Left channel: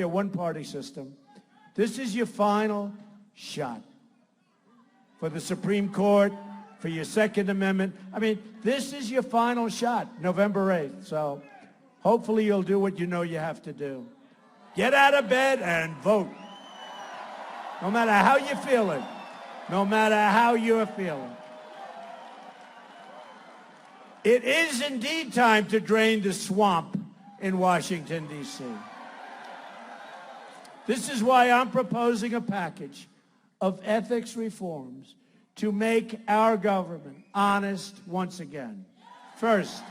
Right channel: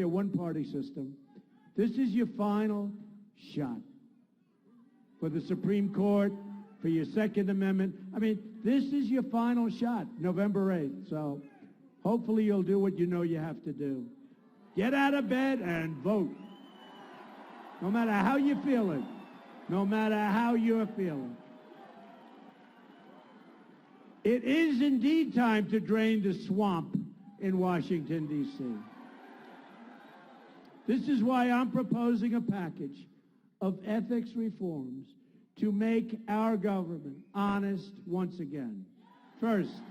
a one-party system. This is your final shot for the Supreme Court, for your Second Amendment. I mean, this is your final shot, November 8th. So hopefully you'll do what you know you have to do. Get out of bed and vote. No matter how you're feeling. No matter how you're feeling. It is indeed time to drain the swamp in Washington, D.C. This is why I'm proposing a package of ethics reforms to make our government honest once again. First,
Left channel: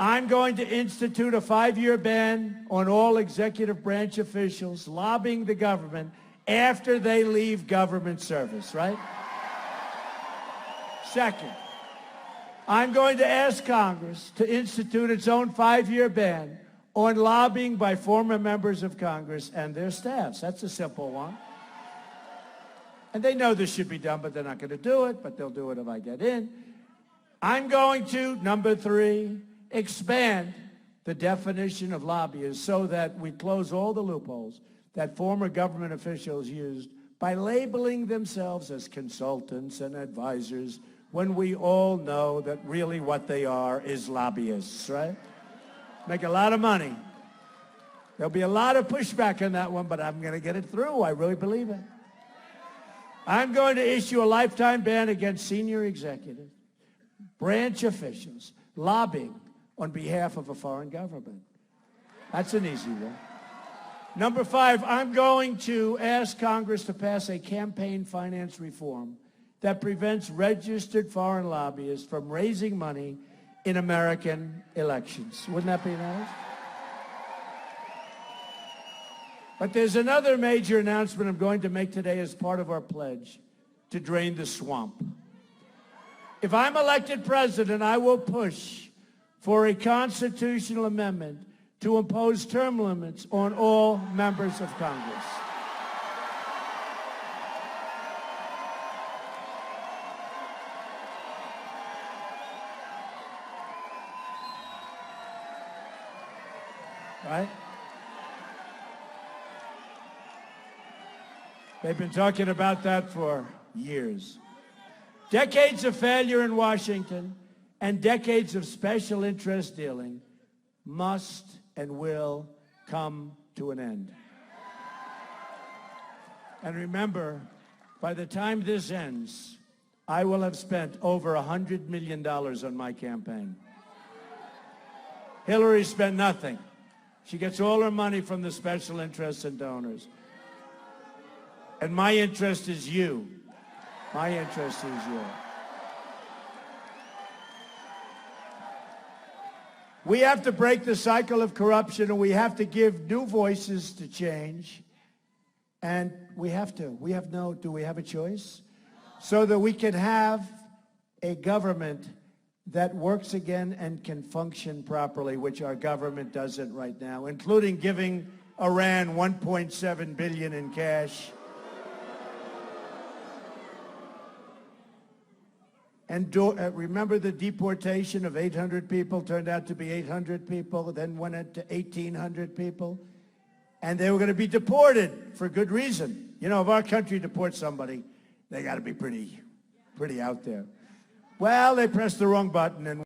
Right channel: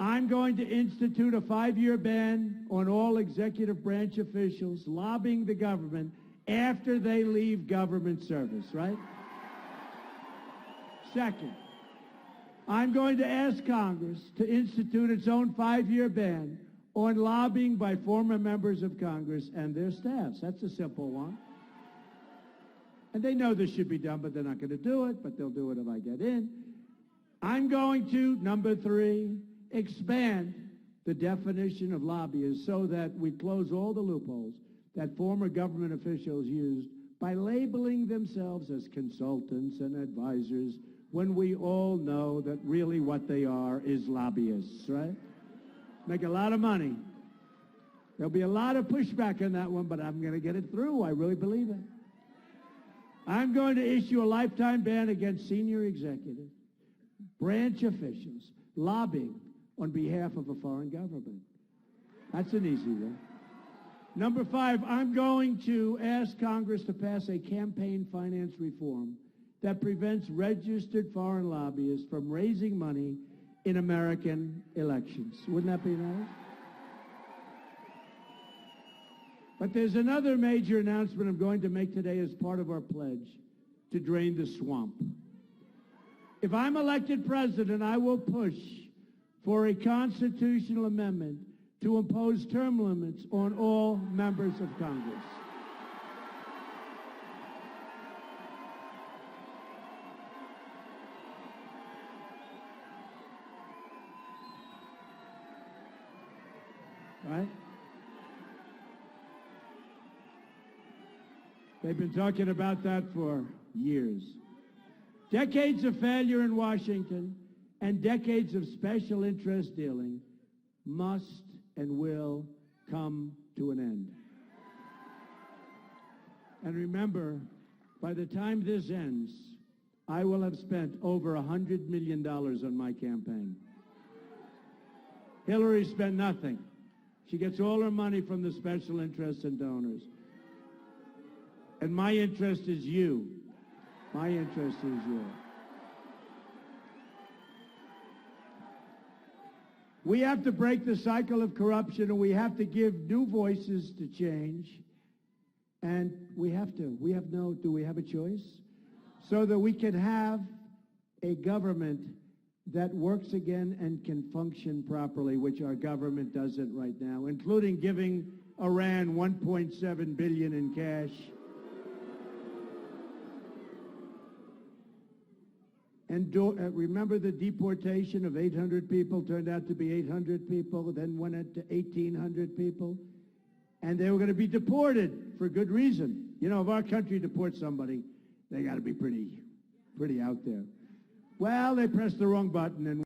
I'm going to institute a 5-year ban on all executive branch officials lobbying the government after they leave government service, right? Second, I'm going to ask Congress to institute its own 5-year ban on lobbying by former members of Congress and their staffs. That's a simple one. And they know this should be done, but they're not going to do it, but they'll do it if I get in. I'm going to, number 3, expand the definition of lobbyists so that we close all the loopholes that former government officials used by labeling themselves as consultants and advisors when we all know that really what they are is lobbyists, right? Make a lot of money. There'll be a lot of pushback on that one, but I'm going to get it through. I really believe it. I'm going to issue a lifetime ban against senior executive branch officials lobbying on behalf of a foreign government. That's an easy one. Number 5, I'm going to ask Congress to pass a campaign finance reform that prevents registered foreign lobbyists from raising money in American elections. Wouldn't that be nice? But there's another major announcement I'm going to make today as part of our pledge to drain the swamp. If I'm elected president, I will push for a constitutional amendment to impose term limits on all members of Congress. Right? They've been talking about that for years. Decades of failure in Washington and decades of special interest dealing must and will come to an end. And remember, by the time this ends, I will have spent over $100 million on my campaign. Hillary spent nothing. She gets all her money from the special interests and donors. And my interest is you. My interest is you. We have to break the cycle of corruption, and we have to give new voices to change. And we have to. Do we have a choice? So that we can have a government that works again and can function properly, which our government doesn't right now, including giving Iran $1.7 billion in cash. And remember the deportation of 800 people, turned out to be 800 people, then went up to 1,800 people. And they were going to be deported for good reason. You know, if our country deports somebody, they got to be pretty out there. Well, they pressed the wrong button and